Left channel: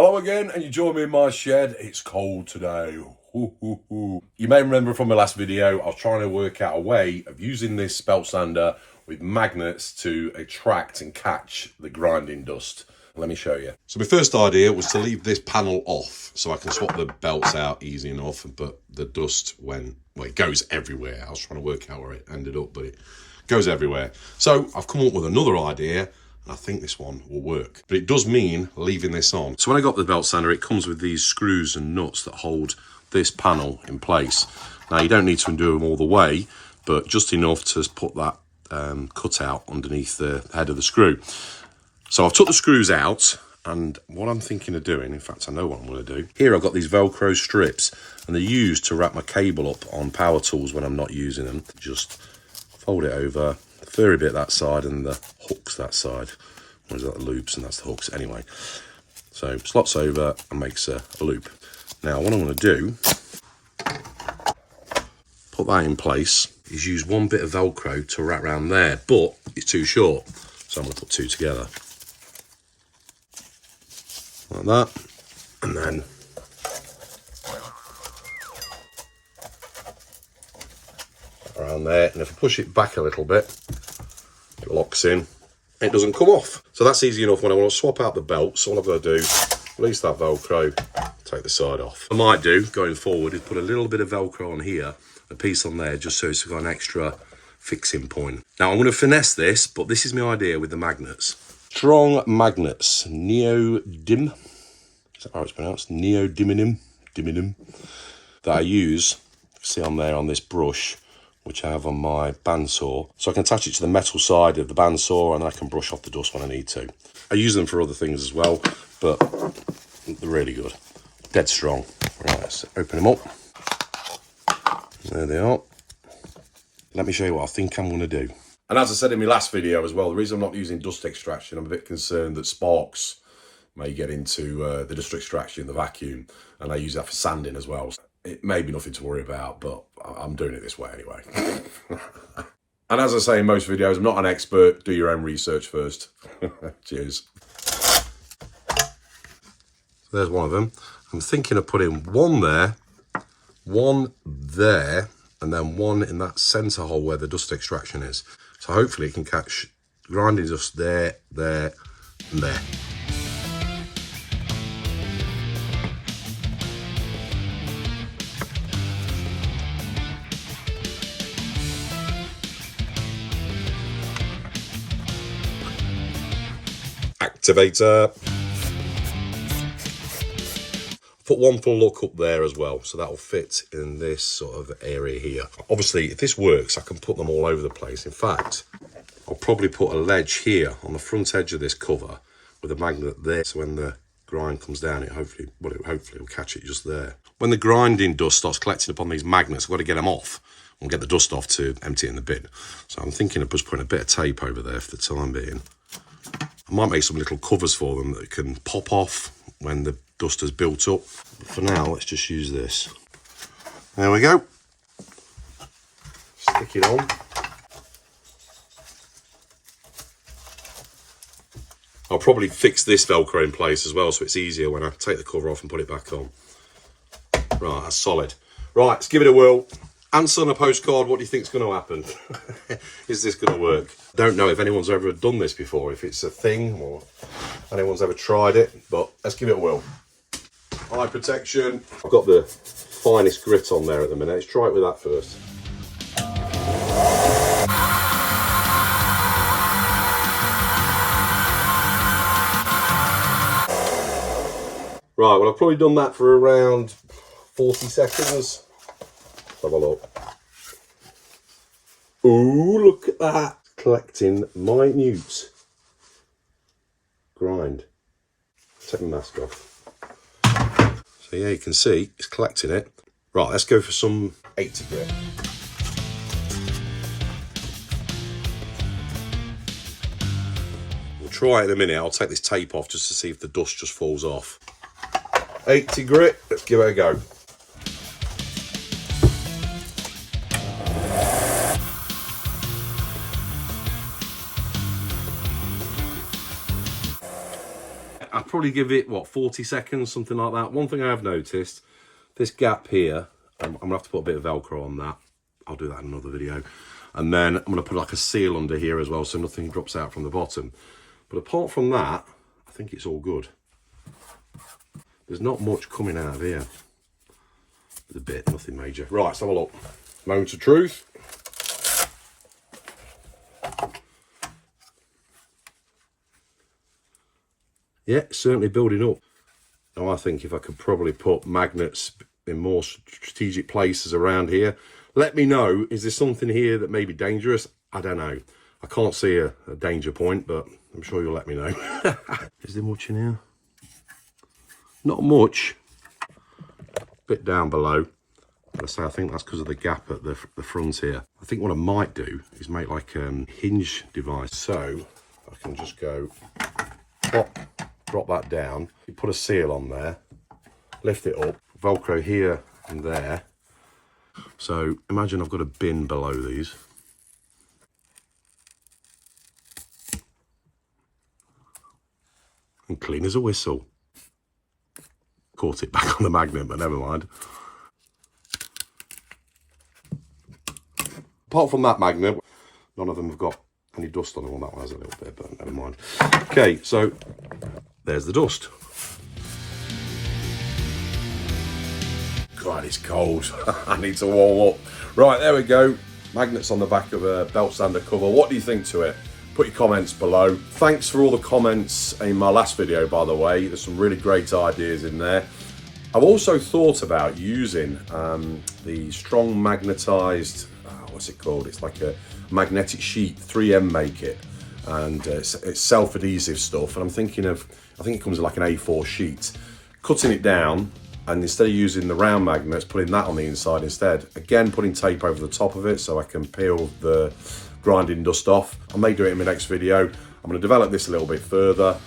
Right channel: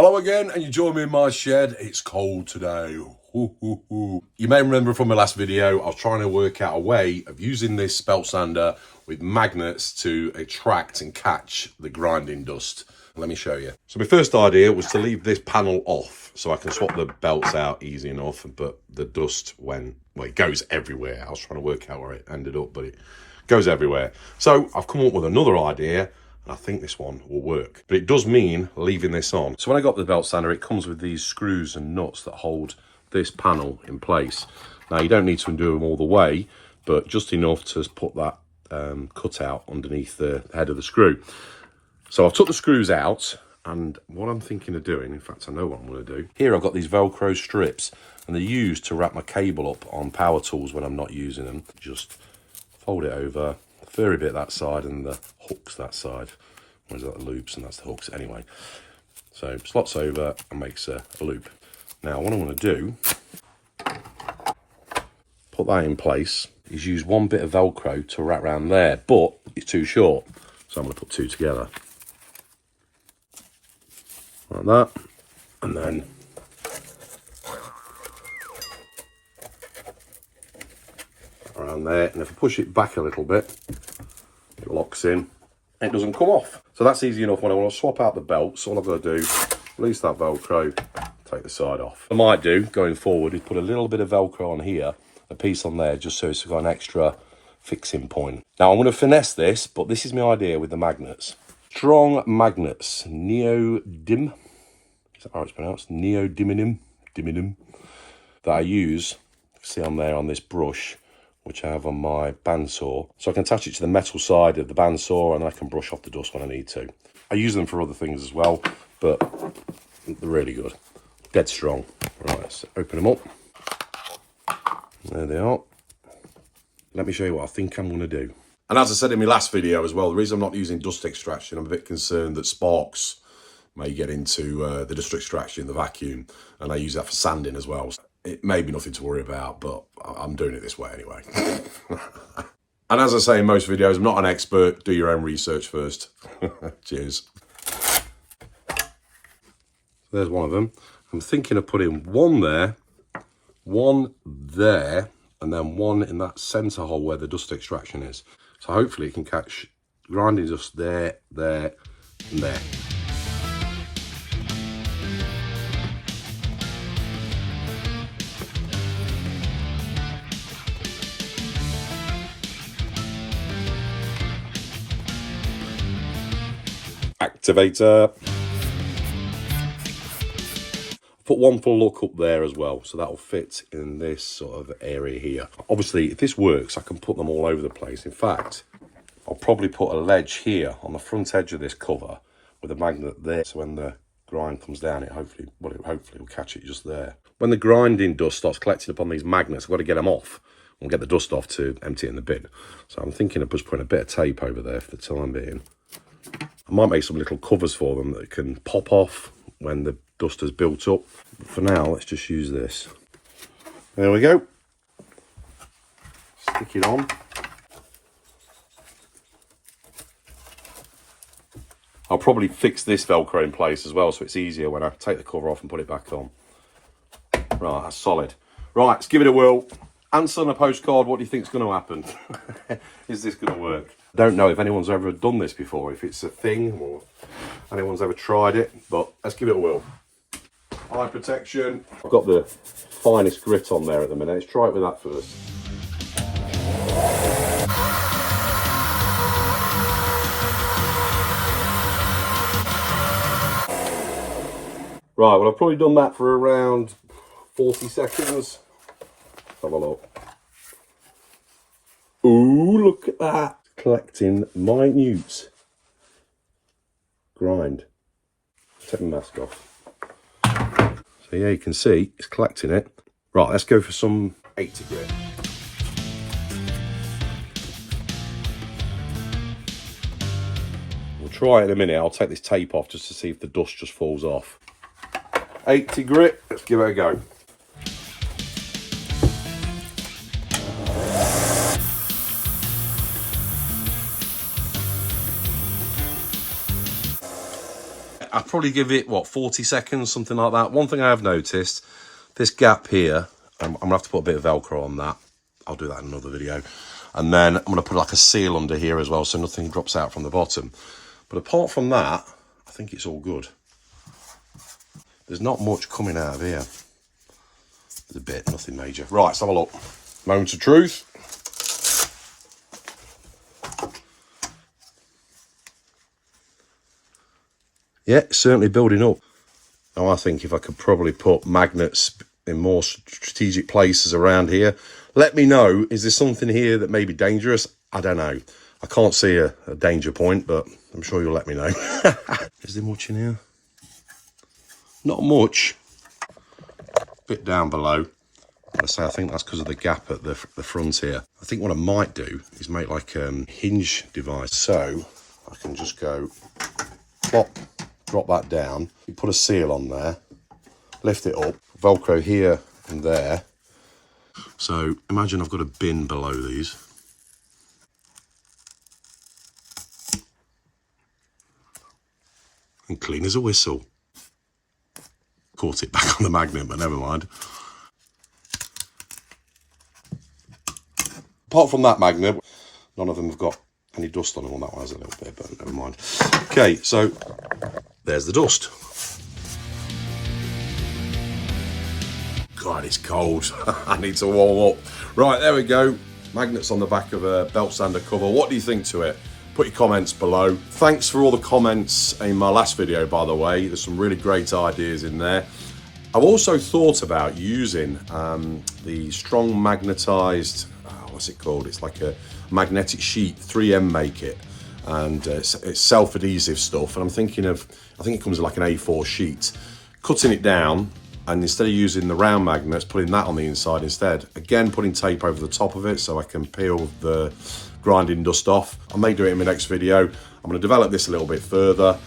Hello again, and you join me in my shed. It's cold today. Hoo, hoo, hoo. You may remember from my last video, I was trying to work out a way of using this belt sander with magnets to attract and catch the grinding dust. Let me show you. So my first idea was to leave this panel off so I can swap the belts out easy enough, but the dust it goes everywhere. I was trying to work out where it ended up, but it goes everywhere. So I've come up with another idea. I think this one will work, but it does mean leaving this on. So when I got the belt sander, it comes with these screws and nuts that hold this panel in place. Now you don't need to undo them all the way, but just enough to put that cutout underneath the head of the screw. So I've took the screws out, and what I'm thinking of doing, in fact I know what I'm going to do. Here I've got these Velcro strips, and they're used to wrap my cable up on power tools when I'm not using them. Just fold it over, the furry bit that side and the hooks that side. Where's that, the loops, and that's the hooks anyway. So slots over and makes a loop. Now what I'm going to do, put that in place, is use one bit of Velcro to wrap around there, but it's too short. So I'm going to put two together. Like that. And then around there. And if I push it back a little bit, it locks in. It doesn't come off. So that's easy enough. When I want to swap out the belts, all I've got to do, release that Velcro, take the side off. What I might do, going forward, is put a little bit of Velcro on here, a piece on there, just so it's got an extra fixing point. Now I'm going to finesse this, but this is my idea with the magnets. Strong magnets, neodymium, is that how it's pronounced? Neodymium, that I use, see on there on this brush, which I have on my bandsaw. So I can attach it to the metal side of the bandsaw, and I can brush off the dust when I need to. I use them for other things as well, but they're really good. Dead strong. Right, let's open them up. There they are. Let me show you what I think I'm going to do. And as I said in my last video as well, the reason I'm not using dust extraction, I'm a bit concerned that sparks may get into the dust extraction, the vacuum, and I use that for sanding as well. It may be nothing to worry about, but I'm doing it this way anyway. And as I say in most videos, I'm not an expert. Do your own research first. Cheers. There's one of them. I'm thinking of putting one there, and then one in that centre hole where the dust extraction is. So hopefully it can catch grinding dust there, and there. Activator. Put one full look up there as well, so that will fit in this sort of area here. Obviously, if this works, I can put them all over the place. In fact, I'll probably put a ledge here on the front edge of this cover with a magnet there, so when the grind comes down, it hopefully will catch it just there. When the grinding dust starts collecting upon these magnets, I've got to get them off and get the dust off to empty it in the bin. So I'm thinking of just putting a bit of tape over there for the time being. I might make some little covers for them that can pop off when the dust has built up. For now, let's just use this. There we go. Stick it on. I'll probably fix this Velcro in place as well, so it's easier when I take the cover off and put it back on. Right, that's solid. Right, let's give it a whirl. Answer on a postcard, what do you think is going to happen? Is this going to work? Don't know if anyone's ever done this before, if it's a thing or anyone's ever tried it, but let's give it a whirl. Eye protection. I've got the finest grit on there at the minute. Let's try it with that first. Right, well I've probably done that for around 40 seconds. Have a look. Ooh, look at that. Collecting minute grind. Take the mask off. So yeah, you can see it's collecting it. Right, let's go for some 80 grit. We'll try it in a minute. I'll take this tape off just to see if the dust just falls off. 80 grit, let's give it a go. I'd probably give it, what, 40 seconds, something like that. One thing I have noticed, this gap here, I'm going to have to put a bit of Velcro on that. I'll do that in another video. And then I'm going to put like a seal under here as well, so nothing drops out from the bottom. But apart from that, I think it's all good. There's not much coming out of here. There's a bit, nothing major. Right, let's have a look. Moment of truth. Yeah, certainly building up. Now I think if I could probably put magnets in more strategic places around here. Let me know, is there something here that may be dangerous? I don't know. I can't see a danger point, but I'm sure you'll let me know. Is there much in here? Not much. Bit down below. But I say I think that's because of the gap at the front here. I think what I might do is make like a hinge device. So I can just go plop, drop that down. You put a seal on there, lift it up, Velcro here and there. So imagine I've got a bin below these. And clean as a whistle. Caught it back on the magnet, but never mind. Apart from that magnet, none of them have got any dust on them. Well, that one has a little bit, but never mind. Okay, so there's the dust. God, it's cold. I need to warm up. Right, there we go. Magnets on the back of a belt sander cover. What do you think to it? Put your comments below. Thanks for all the comments in my last video, by the way. There's some really great ideas in there. I've also thought about using the strong magnetized, what's it called? It's like a magnetic sheet, 3M make it. And it's self-adhesive stuff. And I'm thinking of, I think it comes in like an A4 sheet. Cutting it down, and instead of using the round magnets, putting that on the inside instead. Again, putting tape over the top of it so I can peel the grinding dust off. I may do it in my next video. I'm going to develop this a little bit further.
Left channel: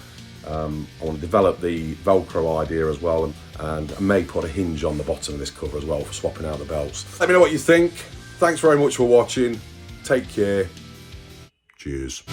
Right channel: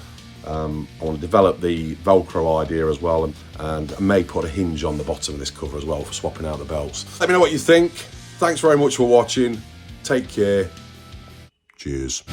I want to develop the Velcro idea as well, and I may put a hinge on the bottom of this cover as well for swapping out the belts. Let me know what you think. Thanks very much for watching. Take care. Cheers.